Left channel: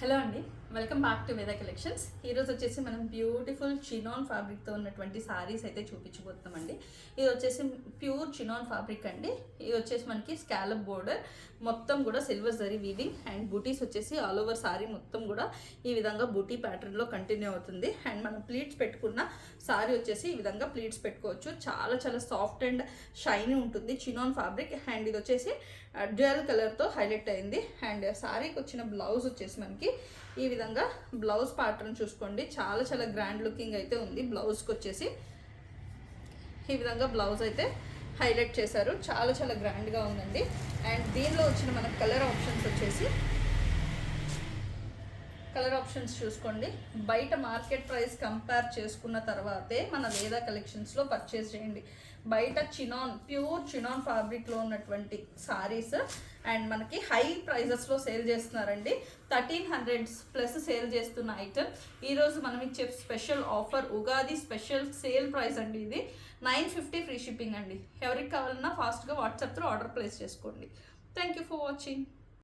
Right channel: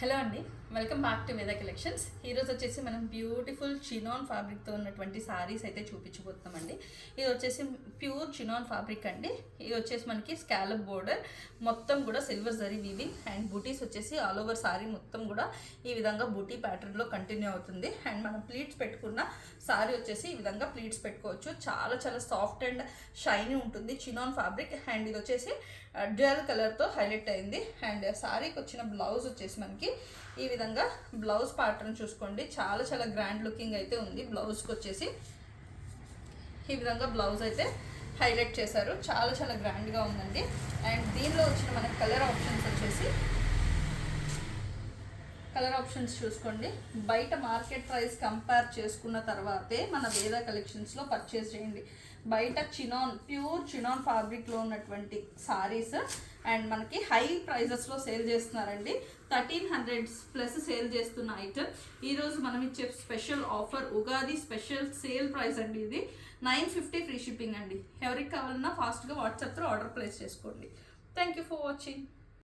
Hello అండి, welcome back to వేద collections. ఈరోజు వచ్చేసి మనం బ్యూటిఫుల్ చినాన్ ఫ్యాబ్రిక్తో ఉన్నటువంటి సారీస్ అయితే చూపించబోతున్నామండి. ఇది వచ్చేసి ప్యూర్ చినాన్ ఫ్యాబ్రిక్ అండి. ఇది వచ్చేసి మనకి స్కాలప్ బోర్డర్ మొత్తం కూడా సిల్వర్ జరీ వీవింగ్ అండ్ బూటీస్ వచ్చేసి ఆల్ ఓవర్ సారీ మొత్తం కూడా ఈ విధంగా బూటీ ప్యాటర్న్లో కంటిన్యూ అవుతుంది. అండ్ మనం ప్లీట్స్ పెట్టుకున్న సారీ వచ్చేసి ఈ విధంగా ప్లీట్స్ పెట్టుకోవచ్చు. చాలా చాలా సాఫ్ట్ అండ్ షైనీ ఉంటుంది చినాన్ ఫ్యాబ్రిక్. అండ్ ఇది వచ్చేసి డ్యూయల్ కలర్తో హైలైట్ అయింది. అండ్ సారీకి వచ్చిన బ్లౌజ్ వచ్చేసి మనకి ఈ విధంగా బ్లౌజ్ ప్యాటర్న్ చూసుకోండి, చాలా చాలా గ్రాండ్ లుకింగ్ అయితే ఉంది. బ్లౌజ్కి వచ్చేసి ఈ విధంగా బ్లౌజ్ అయితే హైలైట్ చేశారు, చాలా చాలా గ్రాండ్గా ఉందండి. అండ్ దీనిలో వచ్చిన మన కలర్ ఆప్షన్స్ చూసుకోండి. బయట మార్కెట్ ప్రైస్ కంపేర్ చేసుకున్న తర్వాతే మన వేద కలెక్షన్స్లో పర్చేస్ చేయండి. బయట ప్యూర్ చినాన్ ఫ్యాబ్రిక్లో ఉన్నటువంటి సారీస్ అండ్ మనకి హై ప్రైజెస్లో సేల్ చేస్తున్నారండి. 1300+ సేల్ చేస్తున్న ఐటమ్ ఈరోజు మనం ఇచ్చే special offer Ugadi special sale price అండి. ఇది 950 ఫ్రీ షిప్పింగ్ అండి. ఎవరికి కావాలన్నా ఫాస్ట్గా వాట్సాప్ త్రూ ఆర్డర్ ప్లేస్ చేసుకోండి. Thank you for watching.